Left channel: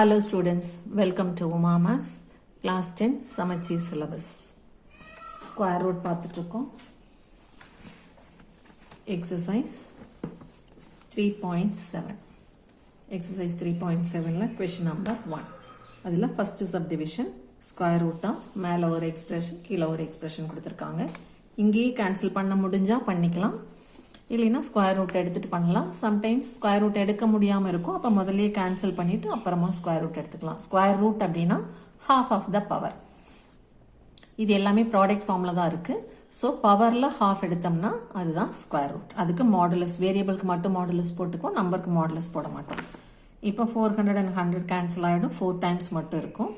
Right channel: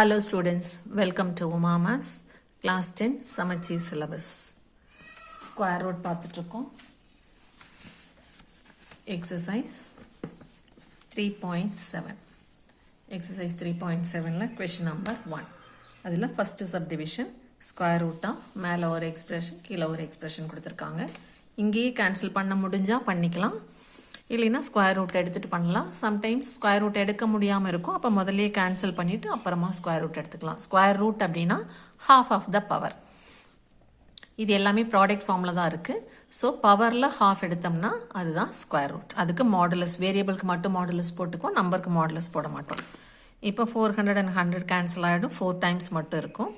Hello students, welcome to Uma's class 10 Samacheer syllabus. Square root பார்த்துட்டுருக்கோம். Exercise 3.7. Exercise 3.7ல question number 1. அதில் first subdivision square root மேலே ஒரு expression கீழே ஒரு expression கொடுத்துருக்காங்க. இங்கேயே cancel பண்ண முடிஞ்சா பண்ணிக்கலாம். இல்லைனா ஸ்கொயர் ரூட் எடுத்துகிட்டு பண்ணலாம். சம்டைம்ஸ் ஸ்கொயர் ரூட் எடுக்க முடியாமல் இருக்கும். அப்போ முதல்லையே கேன்சல் பண்ணிவிட்டு அப்புறமா ஸ்கொயர் ரூட் எடுத்துக்கலாம். ஸ்கொயர் ரூட் அப்படின்னா ஹாஃப் ஆஃப் த பவர். இது எல்லாமே ப்ராடக்ட் ஃபார்மில் தான் இருக்குது. ஸோ பவரில் ஹாஃப் எடுத்தோம்னா அதுதான் ஸ்கொயர் ரூட். அதுக்கு மாடுலஸ், வேரியபிளுக்கு மட்டும் மாடுலஸ் போட்டுக்கும், நம்பருக்கு மாடுலஸ் போட மாட்டோம். இப்போ 400 and 100 கேன்சல் ஆகிடும். 4 டைம்ஸ் மட்டும் இருக்கும்.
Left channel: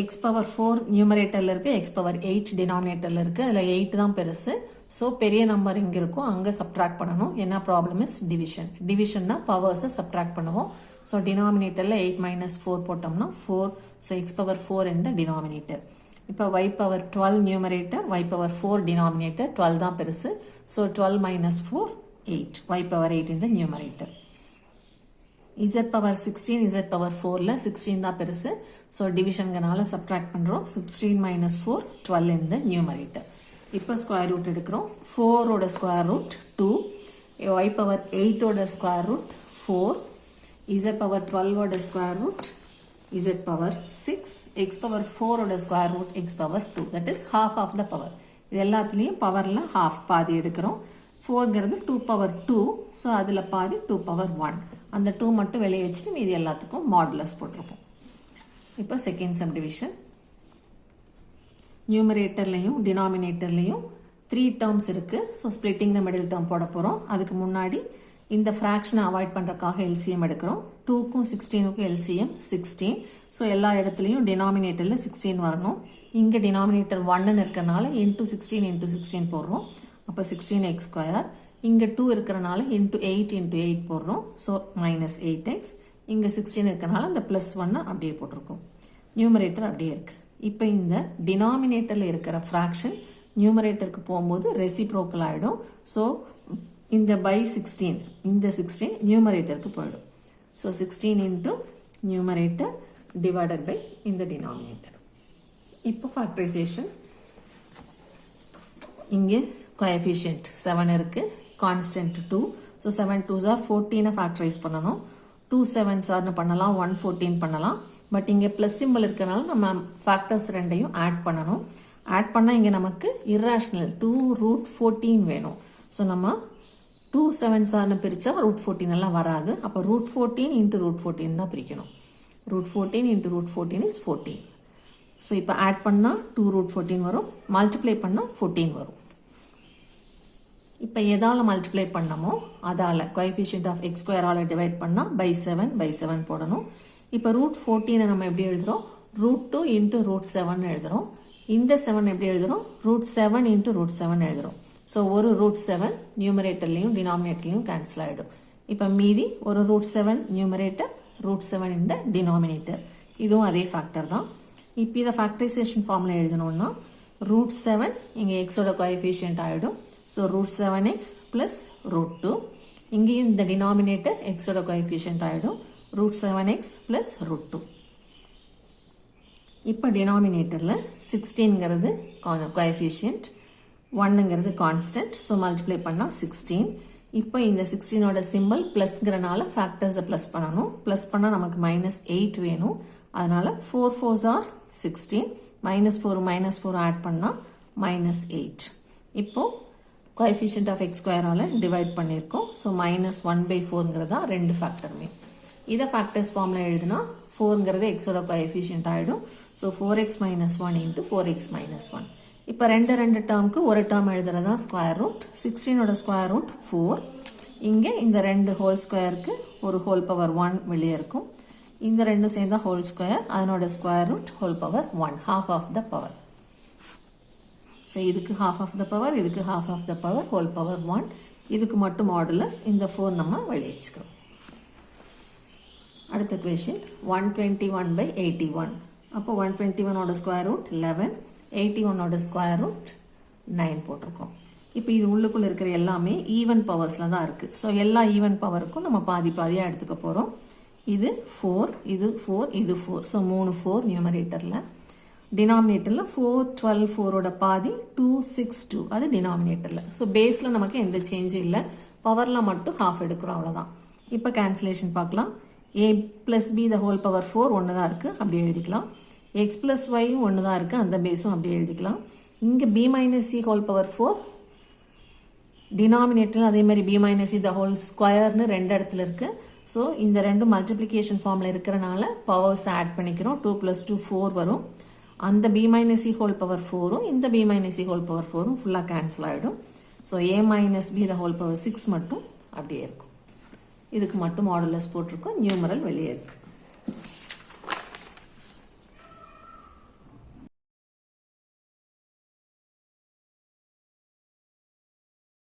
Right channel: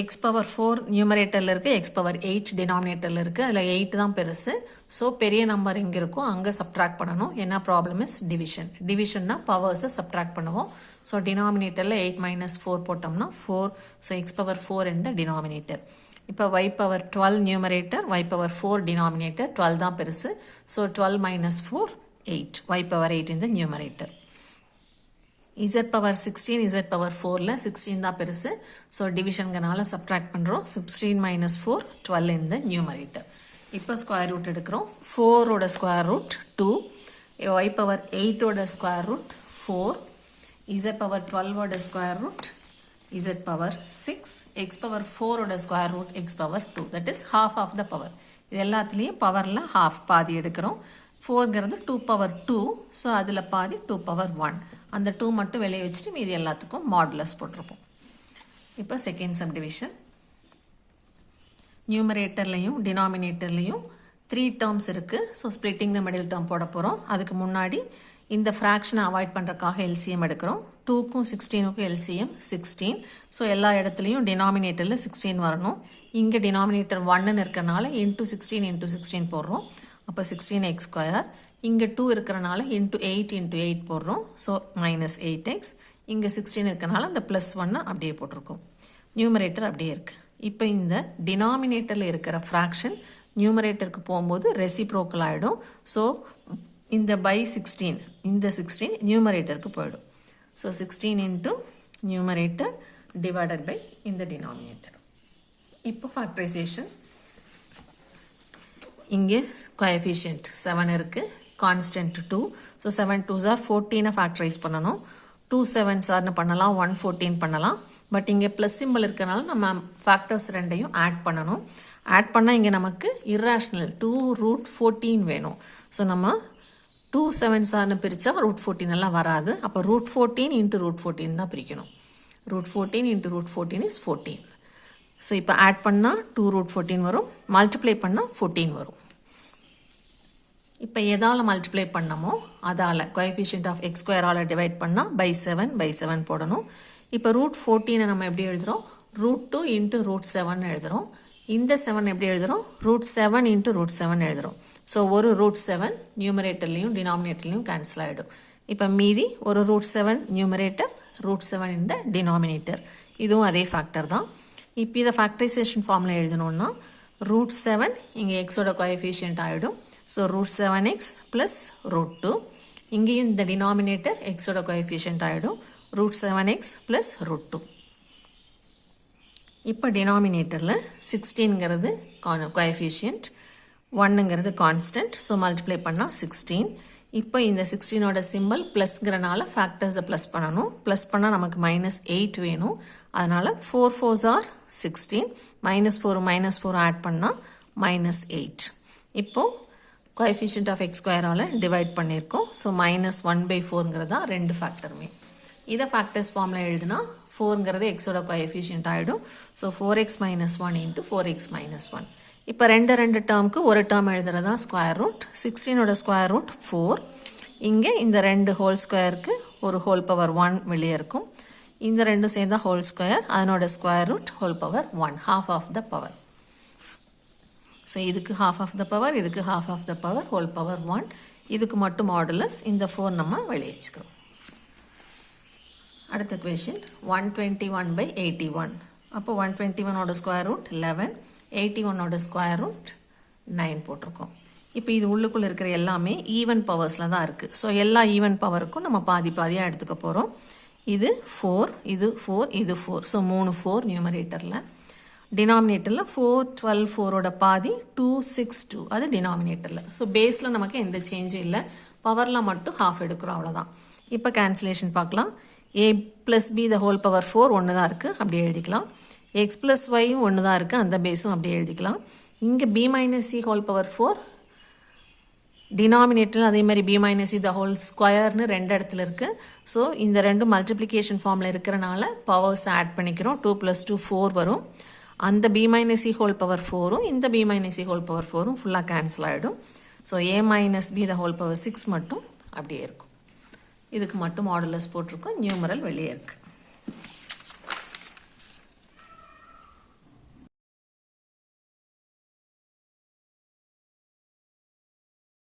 எக்ஸ் பவர் 4 நியூமரேட்டரில் இருக்குது, எக்ஸ் பவர் 8 டினாமினேட்டரில் இருக்குது. அதில் 8 தான் பெருசு. ஸோ பெரிய நம்பர் இங்கே இருக்கும், அங்கே சப்ட்ராக்ட் பண்ணணும். என்ன ப்ராப்ளம் இஸ் டிவிஷன். டிவிஷன்னா பவர்ஸை சப்ட்ராக்ட் பண்ணுவோம். ஸோ டினாமினேட்டரில் 8 - 4 போட்டோம்னா 4. ஸோ எக்ஸ் பவர் 4 இந்த டினாமினேட்டர். இப்போ y power 12 numerator, y power 4 denominator. 12 தான் பெருசு. ஸோ 12 - 4 8. y பவர் 8 இந்த numerator. z power 16, z power 4ல 16 தான் பெருசு. ஸோ டிவிஷன்கனால சப்ட்ராக்ட் பண்ணுறோம். 16 - 4 12 இந்த நியூமரேட்டர். இப்போ ஸ்கொயர் ரூட் எடுக்கிறோம். 4ஓட ஸ்கொயர் ரூட் 2, y பவர் 8ஓட ஸ்கொயர் ரூட் 4, z பவர் 12ஓட square root z power 6, x power 4ஓட square root x power 2. That is half of the power. இது எல்லாத்துலேயும் பவரில் ஹாஃப் பாதி எடுக்கிறோம். 4ங்கிறது 2 பவர் 2. ஸோ அதில் பாதி 2 பவர் 1. அந்த 2 மட்டும் வெளியே வச்சுட்டு மீதி எல்லாத்துக்கும் மாடுலஸ் போட்டிருப்போம். இப்போ செகண்ட் சப்டிவிஷன். நியூமரேட்டர்லையும் டினாமினேட்டர்லையும் 3 டேர்ம்ஸ் இருக்குது. ஸோ ஸ்ப்ளிட்டிங் த மிடில் டேர்ம் போட போகிறோம். அதுக்கு முன்னாடி இந்த ஃப்ராக்ஷனை அவாய்ட் பண்ணுறதுக்காக எல்சிஎம் எடுக்கிறோம். 2க்கும் 16க்கும் எல்சிஎம் 16. ஸோ எல்லா இடத்துலையும் டினாமினேட்டரில் 16 வரணும். இங்கே டினாமினேட்டர் 1ன்னு இருக்கிறனால இன்ட்டு 16 × 16 போடுறோம். அப்போ 16x². இங்கே 2 இருக்கிறனால இன்ட்டு 8 × 8 போடுறோம். So -8x. இங்கே 16 இருக்கிறனால இந்த +1 அப்படியே போட்டிருக்கோம். நியூமரேட்டர் அப்படியே இருக்குது. இப்போ இந்த டினாமினேட்டரில் இருக்கிற ஃப்ராக்ஷன் நியூமரேட்டருக்கு போகும்போது ரெசிப்ரோக்கல் ஆகிடும். ஸோ இந்த பை 16, இந்த 16 நியூமரேட்டருக்கு போயிடும். ஸோ 16 × நியூமரேட்டர் டிவைடட் பை இந்த டினாமினேட்டர். இப்போ ஃபேக்டரைசேஷன். இங்கே கோஎஃபிஷியன்ட் 7 இருக்குது, constant 2. So 7 2s are 14 factorise பண்ணணும். 2 7s are பண்ணலாம், 114 பண்ணலாம். பட் இங்கே ப்ளஸ் சிம்பிள் இருக்கிறனால நம்ம ஃபேக்டர்ஸ் ரெண்டையும் ஆட் பண்ணணும். ஆட் பண்ணால் இங்கே நமக்கு இர்ரேஷ்னல் 2√14 வேணும். ஸோ நம்ம 2 7s are பிரித்தா √14 எல்லாம் வராது. அப்போ √14 × √14 தான் பிரிக்கணும். √14 × √14 is 14. ஸோ இப்போ ஆட் பண்ணால் 2√14 வரும், மல்டிப்ளை பண்ணால் 14 வரும். இப்போ எதால் மல்டிப்ளை பண்ணமோ அதால் கோஎஃபிஷியன்ட் ஆஃப் x² டிவைட் பண்ணால் பை 7 போடணும். இப்போ √14 நம்ம எப்படி எழுதுகிறோம்? √2 × √7 எழுதுகிறோம். இந்த 7 எப்படி எழுதுகிறோம்? √7 × √7 எழுதுகிறோம். ஸோ ஒரு √7 நியூமரேட்டர்லையும் டினாமினேட்டர்லையும் கேன்சல் ஆகிடும். இப்போ மீதி ஒரு √7 நியூமரேட்டர், √7 இந்த டினாமினேட்டர். இதுவும் அதே ஃபேக்டர் தான். இப்போ இதை ஃபேக்டரைசேஷன் ஃபார்மில் எழுதணும்னா √7 இங்கே எக்ஸோட கோஎஃபிஷியன்ட் ஆகிடும். So √7x + √2. இங்கேயும் இந்த டினாமினேட்டர் எக்ஸோட கோஎஃபிஷியன்ட் ஆகிடும். √7x + √2. இப்போ டினாமினேட்டரில் 16ங்கிறது கோஎஃபிஷியன்ட், 1ங்கிறது கான்ஸ்டன்ட். ஸோ மல்டிப்ளை பண்ணால் 16. இப்போ இந்த 16ஓட சிம்பிள் ப்ளஸ்ங்கிறனால ஃபேக்டர்ஸை ப்ளஸ் பண்ணணும். ப்ளஸ் பண்ணால் நமக்கு -8 வேணும். அதனால் 4 4s are 16. -4 - 4 ஆட் பண்ணால் -8. இப்போது கோஎஃபிஷியன்ட் ஆஃப் x² டிவைட் பண்ணியிருக்கோம். ஸோ -1/4ங்கிறது தான் ரெண்டு ஃபேக்டருமே. இதை ஃபேக்டர்ஸ் ஃபார்மில் எழுதுனா 4ங்கிறது எக்ஸோட கோஎஃபிஷியன்ட் ஆகிடும். So 4x - 1 × 4x - 1. இப்போ ரெண்டு டேர்முக்கு ஒரு டேர்ம் எழுதுறது தான் ஸ்கொயர் ரூட். 16ஓட ஸ்கொயர் ரூட் 4. இங்கே இந்த 2 ஹோல் ஸ்கொயருக்கு ஒரு ஹோல் பவர் 1 வெளியே இருக்கும். இந்த ரெண்டும் சேர்ந்தா ஹோல் ஸ்கொயர், அதனோட square root whole power 1, half of the power. So இதுக்கு ஹாஃப் ஆஃப் த பவர், இதுக்கு half of the power, whole power 1. இதுக்கு மட்டும் மாடுலஸ். இந்த 4 நம்ம வெளியே வச்சுக்கிறோம். அடுத்த கொஷின் 121/81. அப்போ 121ஓட ஸ்கொயர் ரூட் 11, 81ஓட ஸ்கொயர் ரூட் 9 போட்டிருக்கோம். இப்போ இது உள்ளுக்குள்ளே இருக்கிற எல்லாமே ஈவன் பவர்ஸில் தான் இருக்குது. ஸோ எல்லா ஈவன் பவருக்கும் நம்ம பாதி பாதியாக எடுத்துக்க போகிறோம். இது 4, இது 4, இது 4. ஸோ 3 4 நியூமரேட்டரில். டினாமினேட்டரில் 4, 12, 4ஓட பாதி 2, 6, 2. அது டினாமினேட்டரில். ஸோ பேஸில் நமக்கு எந்த சேஞ்சும் இல்லை. பவரில் மட்டும் ஹாஃப் எடுக்கிறோம், அவ்வளோதான். இப்போ கேன்சலேஷன் பார்க்கலாம். a + b the whole power 4 ஒன்று தான் இருக்குது, அப்படியே எழுதிக்கலாம். x + y ஒன்று தான் இருக்குது, அந்த பேஸும் அப்படியே எழுதிக்கலாம். இங்கே b - c whole power 4 denominator அதே மாதிரி b - c the whole ஸ்கொயர்னு ரெண்டு இடத்துல இருக்குது. ஸோ இந்த ரெண்டும் மல்டிப்ளிகேஷன் ஃபார்மில் இருக்கிறனால பவர்ஸ் ஆட் பண்ணிக்கிறோம். 2 + 2 4 வரும். அந்த b - c whole power 4ம் இந்த b - c whole power 4ம் ஃபுல்லாக கேன்சல் ஆகிடும். So a - b the whole power 6 மட்டும் அப்படியே இருக்கும். இதுக்கு மட்டும் மாடுலஸ் போட்டிருக்கோம், நியூமரல் வெளியே இருக்குது.